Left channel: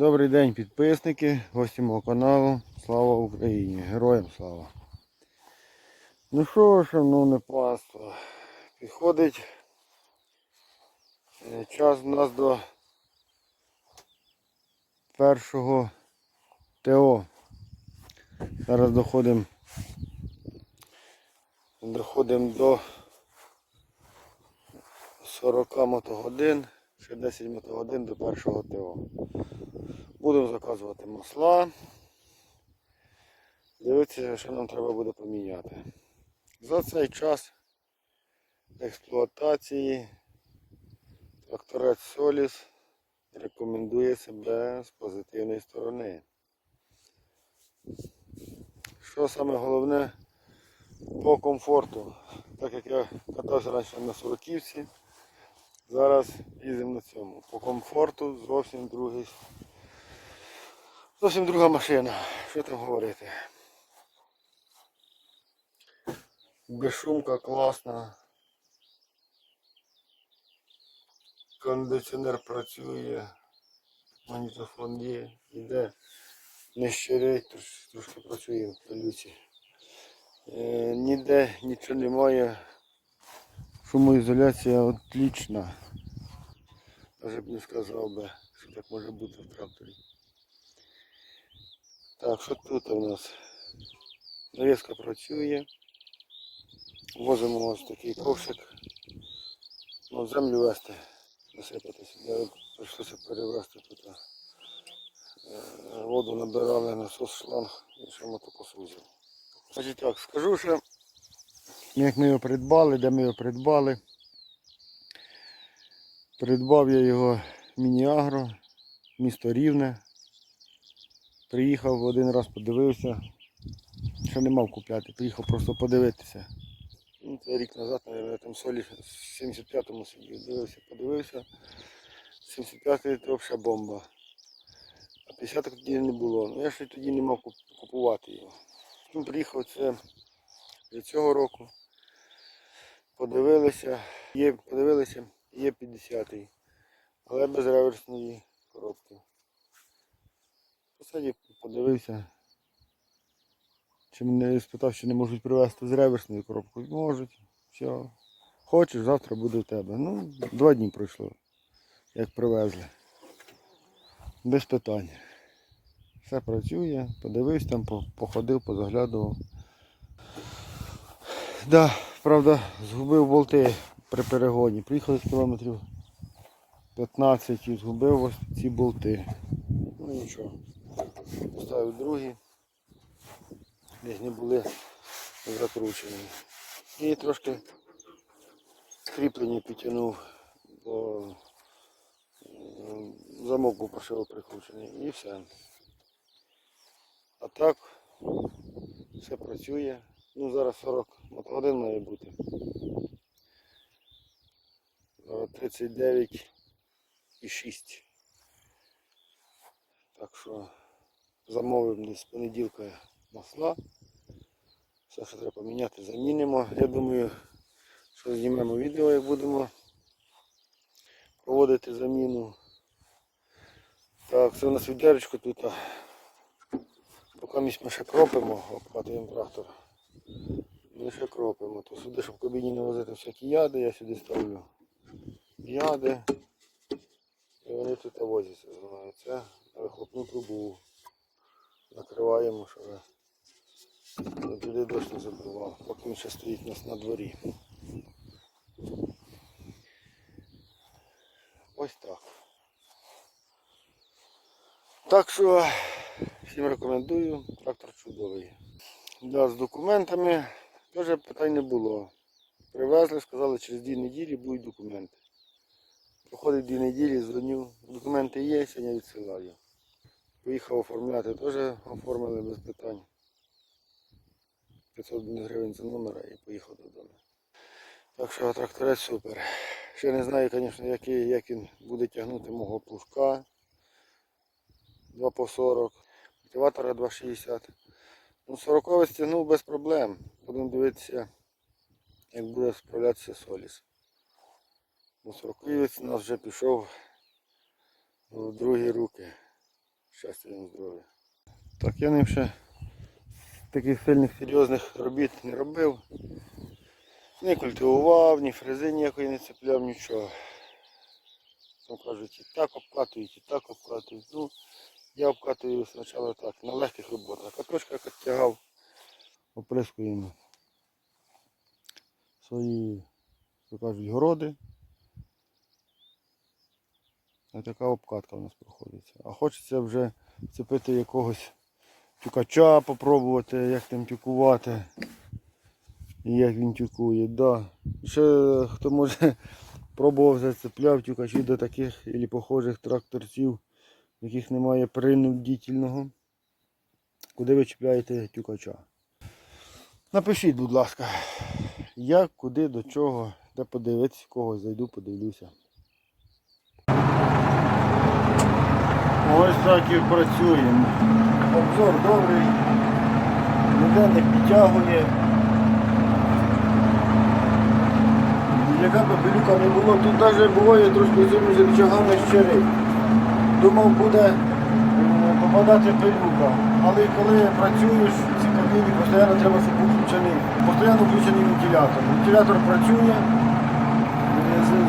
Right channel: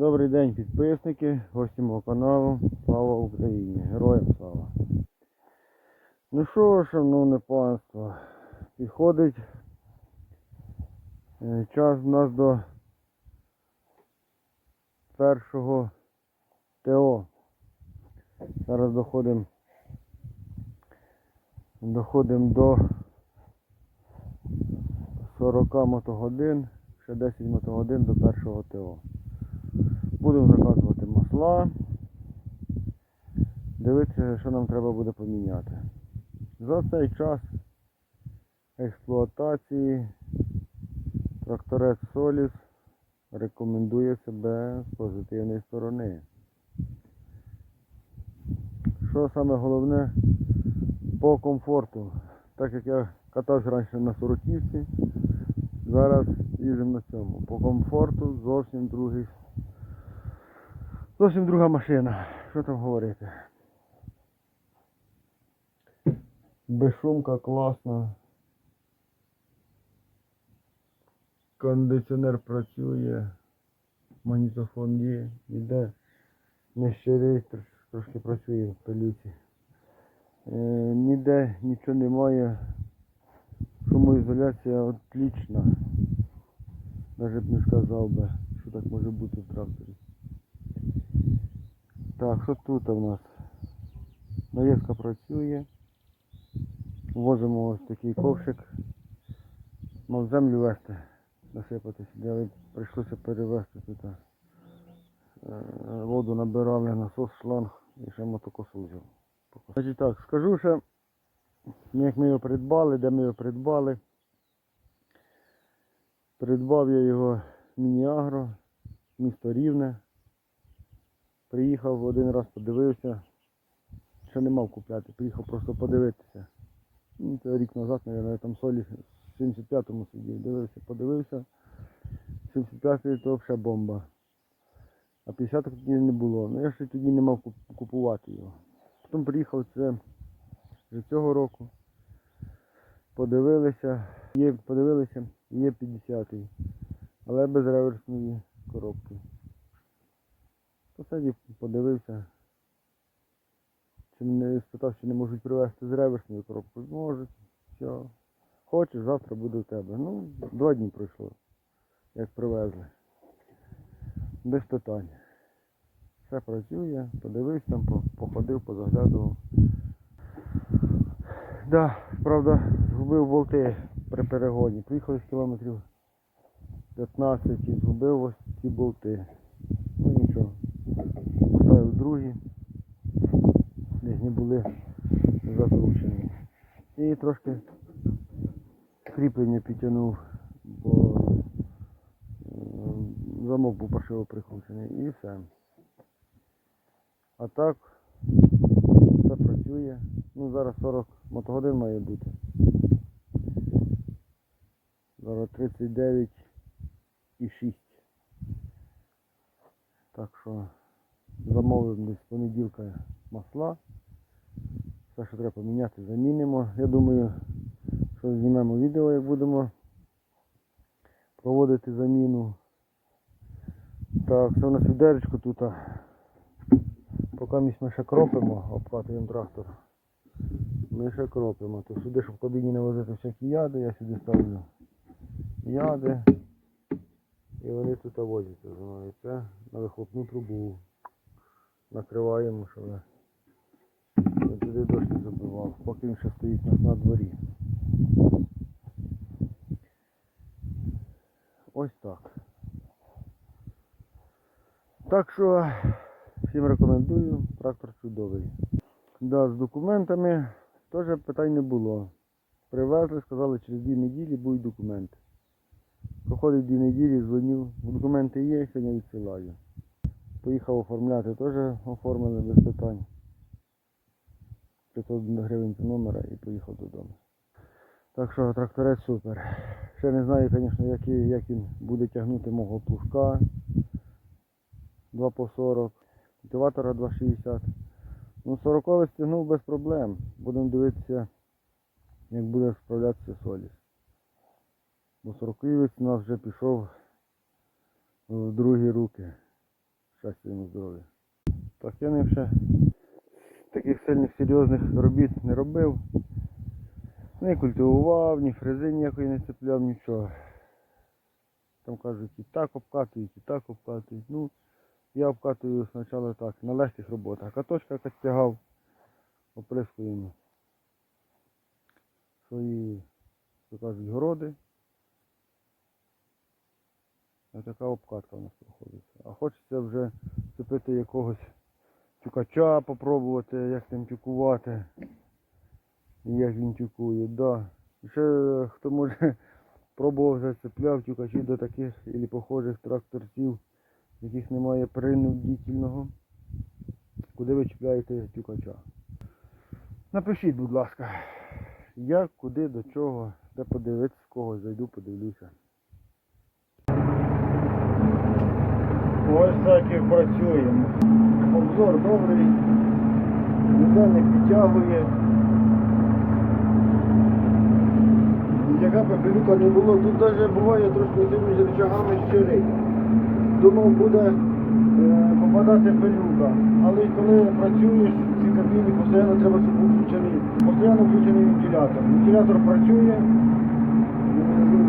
Добрий день підписники, гості мого каналу. Слава Україні! Героям слава! Ну що, шановне панство, підходить е, час у нас до першого ТО. Зараз доходимо доходимо до 40 мотогодин ще 10 мотогодин до першого ТО. Будемо заказувати масла. Дивитися, що нам треба буде поміняти. За цей час експлуатації тракторець Соліс рекомендує себе з позитивної сторони. Що саме головне по комфорту, так як я катався раніше на Суроківці, Зараз їдемо на цьому. По комфорту зовсім другий. Зовсім друга машина. Що там говорити? Безшумка класна. Кондиціонер працює, магнітофон є, йде. Не щирить, трошки працює в пилюці. Е, ніде нічого немає. Шумоізоляція отлічна. Навіть б не сказав би, що так може бути в тракторі. Так, що тут у нас? Нарізка працює. Возимо ось такий ковшик. Ну, землю вести, насипатись. сюди. Прийшлося перевезти тут. Е, воду набирали, насос шланг і ще мотокосу. Значить так, скажу ще Ну, як ми його придбали, де ми його придбали. Придбав я його міні-агро, місто Рівне. Приїхав один раз, подивився, що не мав купляти, приїхав просто подивитися. Ну, Це рік назад, мабуть, там солі в 75-му сидів, дивився, подивився. 75-й це взагалі бомба. А 50 х тоді не було. Ну я ще тоді не мав купувати його. Потім приїхав це до цього року подивилися, є, подивилися, є 50 але без реверсної коробки. Посадів, подивився. Чи мене спитав, чи не можуть привезти з реверсної коробки. Можуть. Все. Хочеш, завтра буде в тебе. Ну, два дні пройшло, як привезли. Без питань. Все працює, подивився там, походив, позаглядував. Да, правда, згубив болти при перегоні. Приїхали з кілометрів 15 і згубив ось ці болти. Ну нічого. Поставив другі. Десь не були закручені. І трошки кріплення підтягнув, бо замок був паршиво прикручений і все. А так все працює. Ну зараз 40 мотогодин має бути. Зараз 39,6 Так що замовимо десь понеділка масла. Все, що треба поміняти, замінимо. Я думаю, що знімемо відео як будемо проводити заміну. Так, це у нас відеречко тут. Поки ми ще кропимо, обкатуємо трактор. Ми ще кропимо. То сюди, щоб в кабіні не возити всякі яди, я сюди ставлю яди. І вони тут возяться знаю. Це на вихопну трубу. Накриваємо, щоб я туди дощ не забивав, поки він ще стоїть у нас на дворі. Ось так. Так що всім рекомендую, трактор чудовий. Да, З документами Теж питань не було. Привезли, сказали, через дві неділі будуть документи. Проходить дві неділі, дзвоню, документи є, сьогодні відсилаю. Поїхав оформляти, теж оформили без питань. 500 гривень за номера і поїхав додому. Так що тракторець супер. Ще не знаю, звісно, який, як він буде тягнути мого пушка 2 по 40, мотиватора 2,60. Ну, 40 стягнув без проблем. Будемо дивитися, як буде справлятися Соліс. Бо 40 у нас вже пішов в другі руки. Щастя йому здоров'я. Так, я ним ще таких сильних серйозних робіт не робив. Не культивував, ні фрези ніякої не цепляв, нічого. Там кажуть, і так обкатують, і так обкатують. Ну, я обкатую спочатку так, на легких роботах. Каточка як тягав, оприскуємо свої, як кажуть, городи. Ось така обкатка у нас проходиться. А хочеться вже цепити якогось тюкача, попробувати, як тим тюкувати. І як він тюкує, да. Ще хто може пробував зацепляв тюкачі до таких або похожих тракторців, в яких немає принудительного. Куди ви чіпляєте тюкача? Напишіть, будь ласка, як, куди, до чого, де подивитися, когось зайду, подивлюся. Ось так і працюємо. Обзор добрий, ніде не підтягує. Яка б пилюка не було, тут навіть буває трошки зиму з рычагами щелі. Думав буде е, попадати пилюка. Але коли працюєш в цій кабіні, постійно треба, щоб був включений, постійно включений вентилятор. Вентилятор працює, е, е,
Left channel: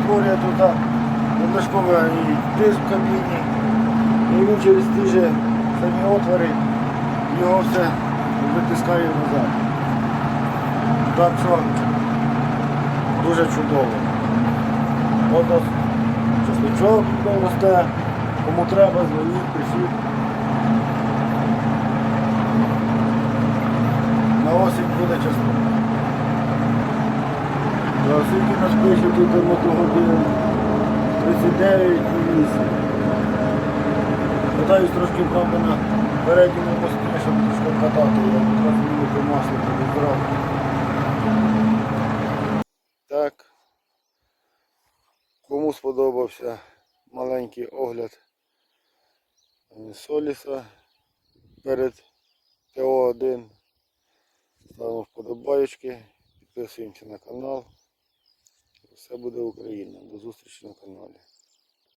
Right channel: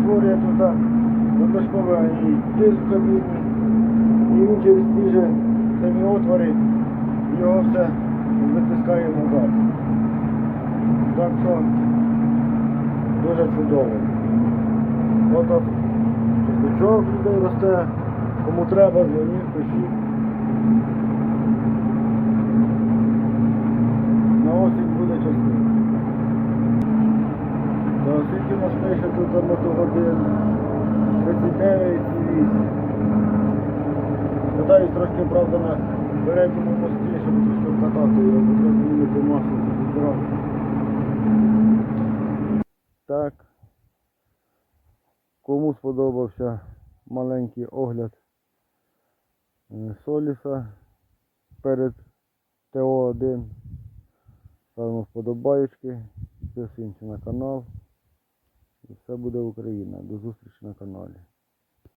створює тут надлишковий тиск в кабіні. І він через ті же самі отвори його все витискає назад. Так що дуже чудово. От чесничок росте. Кому треба, дзвоніть, пишіть. На осінь буде. Та скільки нас пише тут мотогодин 39 і 8. Питаюсь трошки, правда, на передньому мості, щоб трошки катати одразу змінити масло тоді зразу. Так. Кому сподобався маленький огляд е, Соліса перед ТО1, ставимо вподобаєчки. підписуємося на канал. І все буде Україна. До зустрічі на каналі.